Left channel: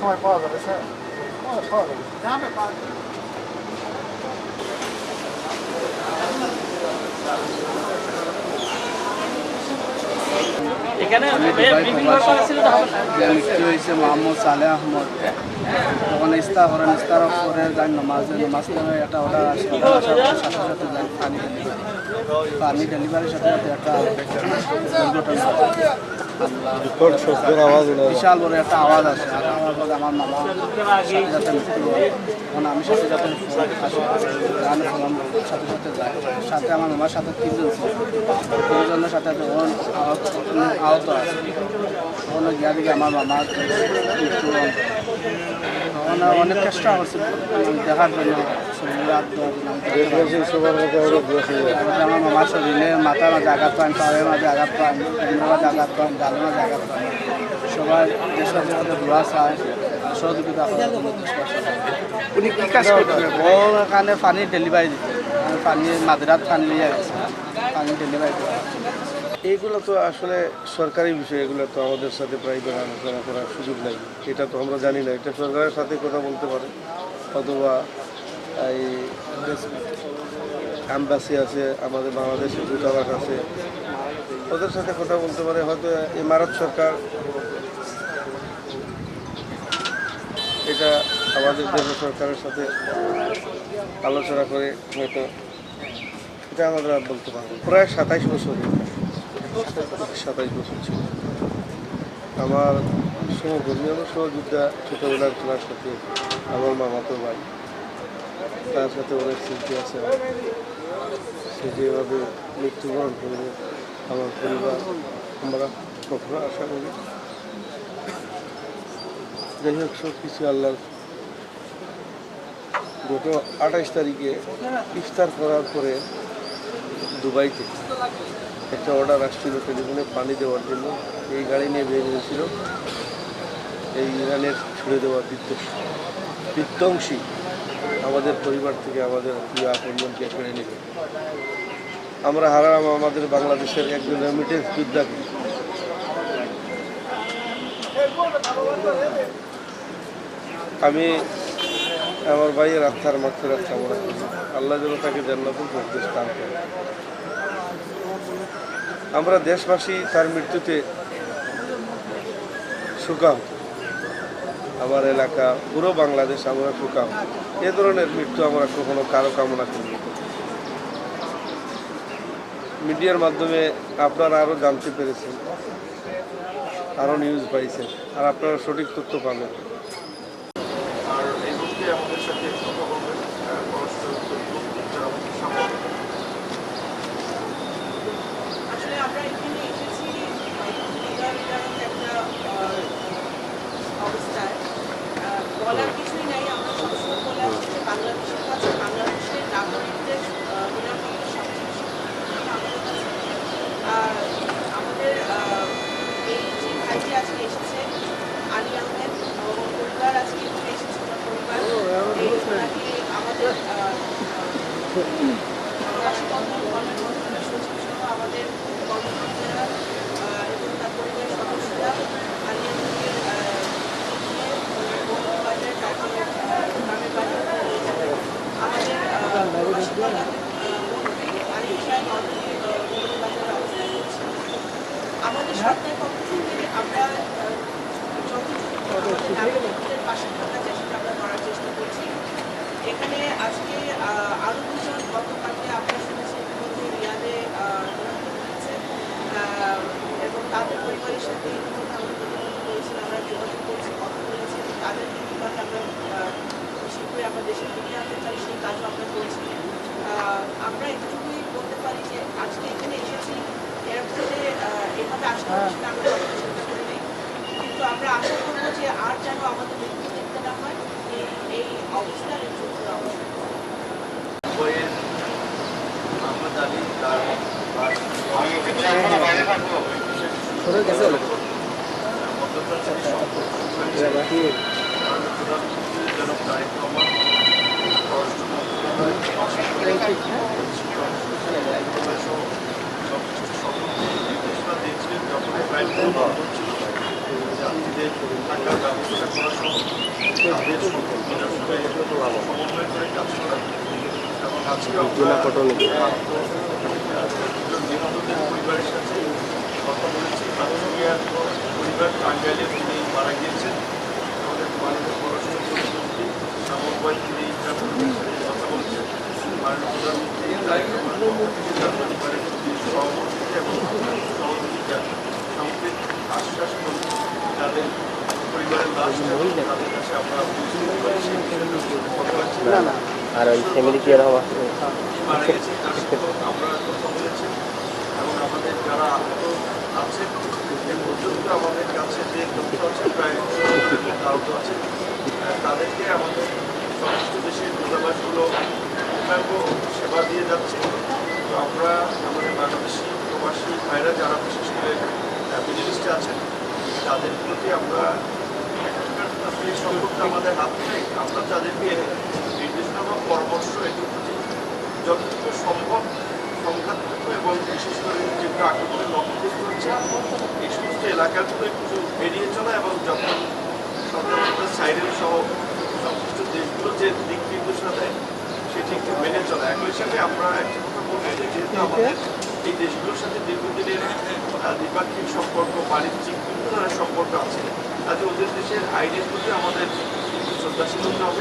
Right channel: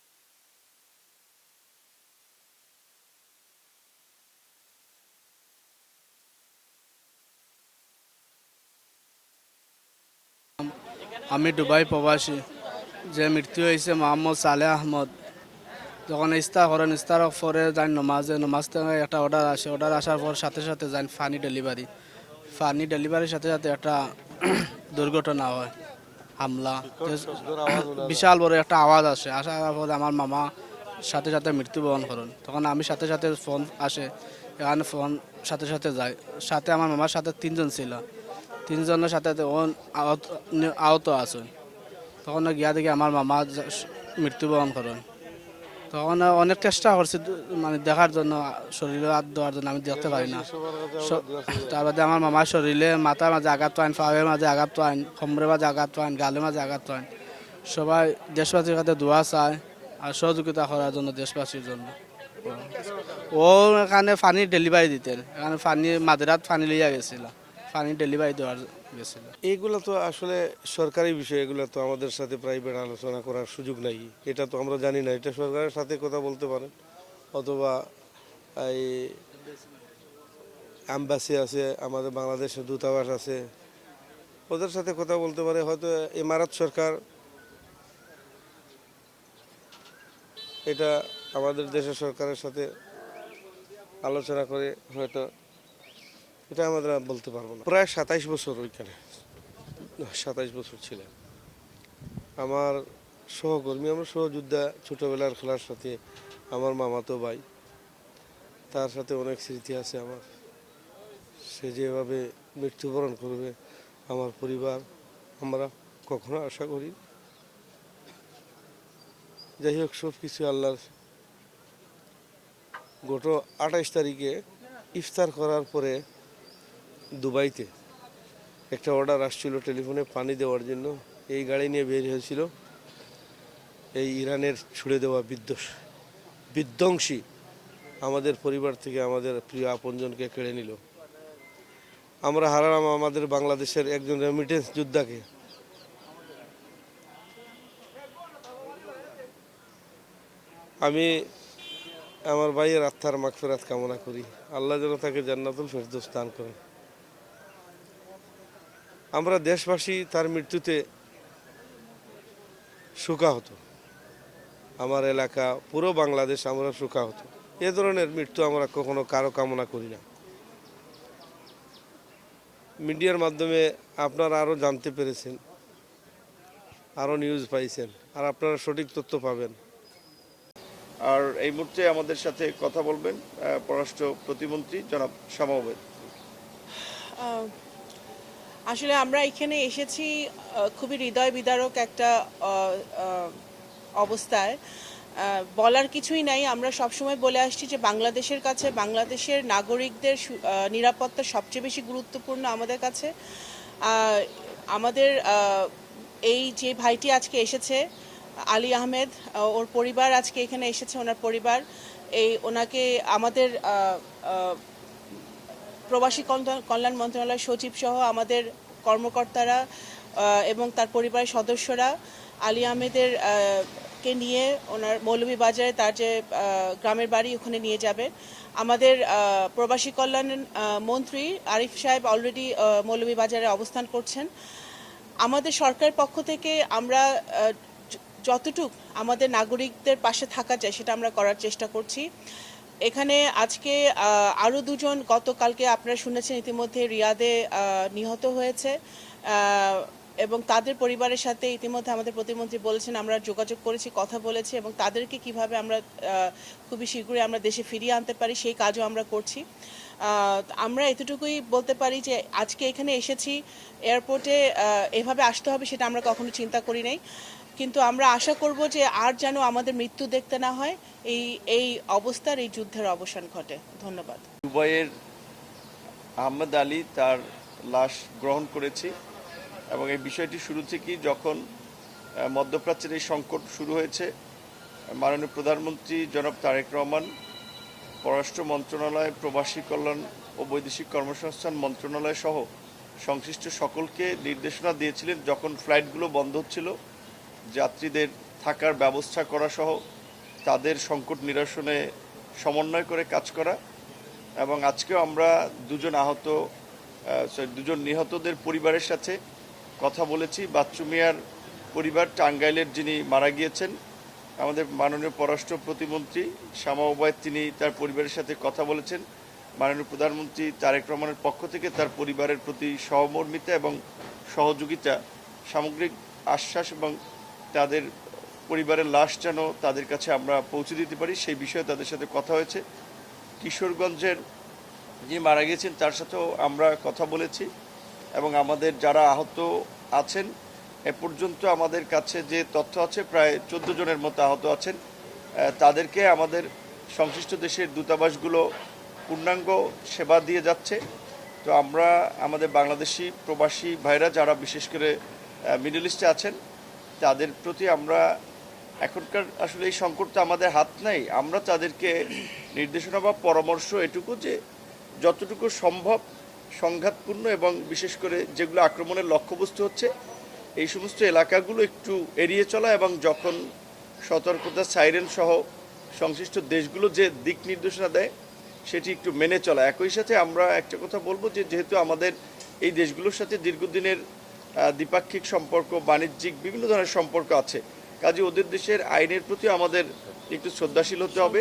সময় পাওয়া যাবে স্যার? পাওয়া যাবে। আমি দুবাই প্রবাসী যে মৃত্যু হয়েছে মোহাম্মদ সালেহ আহমদ, তখন ইস্তা করেন, ইস্তার পরে যান নমাজ থেকে একটা অর্ডার আসে, অর্ডার আসার পরে সাথে সাথে যান পানি ডেলিভারির সাথে সাথে একটা দুর্ঘটনা হামলা, বিশাল বড় একটা আওয়াজ আসে, আসার পর আমার মামা সাথে সাথে মৃত্যুবরণ করে। তখন আমি সাথে সাথে ফোন আসে, গান ফোন সাথে সাথে যায়, সাথে আমার মামার সাথে তিনজন ছিল, তিনজনের সাথে তখন আহত আছে। তখন গিয়া দেখি আমার মামা মৃত্যুবরণ করে। তখন অনেক চেষ্টা করছি আমি দেখার জন্য, শরীরে হাত দেওয়ার জন্য আমি দেখতে পারি। তারপরে আমার মামার শরীরে মাথার মাঝে আঘাত পান, পায়ের মাঝে আঘাত পান, কোমরের মাঝে আঘাত পান, গালের মাঝে আঘাত পান। সবাই দেশবাসীর সাথে দোয়া চায় আর সহযোগিতা করার জন্য দেশবাসী। উনি কি কাজ করতেন? ও ওখানে পানি ডেলিভারি দিতে, আমি পানি মাঝরাত পানি লিয়ে গেছে, পানি ডেলিভারি দেওয়া। এইগুলো তো আসলে সরকারি বিষয়, এগুলো তো আমাদের সাথে প্রাইভেট আলোচনা করার সুযোগ নেই। এটা তো আমরা জানি না, এটা সরকারের সাথে কথা বলতে পারে, অথবা এই অ্যাম্বাসি আছে, আমাদের বাংলাদেশের দূতাবাস আছে, ওদের সাথে কথা বলতে পারে। হয়তো ইমারত সরকার এটা আমাদের দেশের সরকারের সাথে আলোচনা করে হয়তো এটা আমরা বলতে পারবো। প্রায় 27 বছর, 27 বছর ছিল আমার সহকর্মী, আমার সহযোদ্ধা, ছোটোবেলার খেলার সাথে আমার মামাতো ভাই, তার সাথে অনেক স্মৃতি আছে। সে যেভাবে মৃত্যুবরণ করবে আমার পরিবার, আমরা কখনো আশা করি। যাই হোক, সব কিছু আল্লাহর। গত 28 তারিখে ইফতার করার পরে দুবাইতে একটা অর্ডার আসছিল টেলিফোনে পানি দেওয়ার জন্য। এই গাড়ি নিয়ে বের হয়েছিল এই ইরানের ছুড়ে দেওয়া বিধ্বংসী আমাদের পরিবার থেকে আমাদের প্রিয় আপনজনকে কেড়ে নেবে। আমরা হারালাম আমাদের বাংলাদেশের একজন রেমিটেন্স যোদ্ধাকে। আমি আমার ভাইয়ের আত্মার মাগফিরাত কামনা করি, আল্লাহ যেন তাকে জান্নাতুল ফেরদৌস দান করেন। আমরা দেশবাসী তার মৃত্যুতে শোকাহত, আমার এলাকা পুরো বাংলাদেশ আমরা শোকাহত। এ ধরনের মৃত্যু আমরা কখনো কারো কামনা করি না। মিডিয়ার মাধ্যমে আপনারা আরও জানতে পেরেছেন, আরও নিউজ পাইছেন, আর আপনারা সঠিক তথ্য পাবেন। আর এই মুহূর্তে আমাদের সাথে কথা বলবেন পররাষ্ট্র প্রতিমন্ত্রী সামনে। আসলে আমরা এখানে এসেছি খুবই হৃদয় বিদারক একটা অবস্থায়, বলার কিছুই নাই। আমরা সবসময় বলে আসছি যে বাংলাদেশের কাছে বাংলাদেশের নাগরিকদের নিরাপত্তা সবচেয়ে বেশি গুরুত্বপূর্ণ আমাদের কাছে। আমাদের এই যে ভাইটি আজকে এসেছে আলী আহমেদ, ওর পরিবার আজকে এখানে এসেছে, ওনার পরিবার ওনাকে আমাদের প্রবাসী কল্যাণ মন্ত্রণালয়ের সচিব সহ আমাদের কর্মকর্তারা এবং তার পরিবারের সদস্যরা আলী আহমেদের কে নিয়ে মৌলভীবাজারে তার যে গ্রামের বাড়ি ওখানে নিয়ে যাবে। আমাদের প্রবাসী কল্যাণ মন্ত্রী আরিফ সাহেব অলরেডি মৌলভীবাজারে অবস্থান করছেন। আমাদের সরকারের পক্ষ থেকে আমরা যতটুকু আমাদের নাগরিকদের পাশে থাকা যায় সেটা আমরা করার চেষ্টা করছি। এখানে আজকে আরও দুজন গতকালকে আপনারা শুনেছেন ইতিমধ্যে রিয়াদে নিহত হয়েছে, এবং তাদের পরিবারের সাথে ইতিমধ্যে আমাদের প্রতিমন্ত্রী বলেছেন আমরা যোগাযোগ করেছি, কথা বলেছি, এবং তাদেরকে কীভাবে আমরা খুবই শীঘ্রই আমরা দেশে ফিরিয়ে আনতে পারি সেই কাজও আমরা করছি। আমরা এতটুকুই বলতে পারি যে আজকে এখানে এসেছি, এয়ারপোর্টে এভাবে আসতে হবে সেটা আমরা কখনো চিন্তা করি নাই, কিন্তু আমরা আশা করব যে আর যেন আমাদের মৃত্যু দেখতে না হয়, এই অবস্থার এই যুদ্ধের অবসান করে। আমরা জানি তার মধ্যপ্রাচ্যের সংকট শুরু হয়েছে, মাননীয় প্রধানমন্ত্রী যেন তারেক রহমান, পররাষ্ট্র মন্ত্রণালয়, প্রবাসী শিক্ষা মন্ত্রণালয় সহ সংশ্লিষ্ট সকল যে নির্দেশনা দিয়েছিলেন যখন ফ্লাইটগুলো বন্ধ ছিল, যাত্রীদের থাকার ব্যবস্থা করা সহ তাদের সংকট নিরসনে সমন্বয় করে কাজ করা। এবং আজকে আমরা দুজন নিহতদের পরিবারের সাথে কথা বলেছি। বাদল মিয়ার পরিবার টাঙ্গাইলের যিনি মারা গিয়েছেন, আমাদের মাননীয় পররাষ্ট্র প্রতিমন্ত্রী শ্যামা ওবায়দ, তিনি তার পরিবারের সাথে কথা বলছেন। মাননীয় প্রধানমন্ত্রী তারেক রহমানের পক্ষ থেকে তার পরিবারের প্রতি সহমর্মিতা এবং সহযোগিতা, সামগ্রিক আশ্বাস এবং তাদের পরিবারের লাশ এবং তাদের কাছে আমরা পৌঁছে দিতে পারি সেই বিষয়ে তাদের সাথে কথা হয়েছে। মারা গেছেন তার সাথেও আমরা কথা বলেছি এবং আমাদের যারা আহত আছেন এ পর্যন্ত আমাদের কাছে যে তথ্য আছে প্রায় ১৪ জনের মতো আহত আছেন। তাদেরকে আমাদের সমস্ত দেশের দূতাবাসগুলো পূর্ণাঙ্গ সেবা দিয়ে যাচ্ছে। তো আমরা আমাদের বাংলাদেশি প্রবাসী ভাইরা যারা বিশেষ করে মিডল ইস্টে আছেন তাদের প্রতি আমরা এখনকার আসলে এই সম্পর্কটা আমাদের হাত নাই। আমরা তাদেরকে নির্দেশনা বা পরামর্শ এটুকু যে যতটুকু সম্ভব সংঘাতপূর্ণ এবং বিশেষ করে যেগুলো আক্রমণের লক্ষ্যগ্রস্ত হচ্ছে এই সমস্ত এলাকাগুলো একটু এড়িয়ে চলা এবং যখন সতর্কতা সাইরেন সহ সংশ্লিষ্ট দেশগুলো যে দিক নির্দেশনা দেয় সেটি একটু মেনে চলা। একই সাথে আমরা একটা কথা বলবো যে যেহেতু আমাদের এই দেশগুলোর সাথে দীর্ঘদিনের দ্বিপাক্ষিক সম্পর্ক, বাণিজ্যিক বিভিন্ন ধরনের সম্পর্ক আছে, কাজে ওদের দেশের আইনের প্রতি আমাদের একটু শ্রদ্ধাশীল হতে হবে।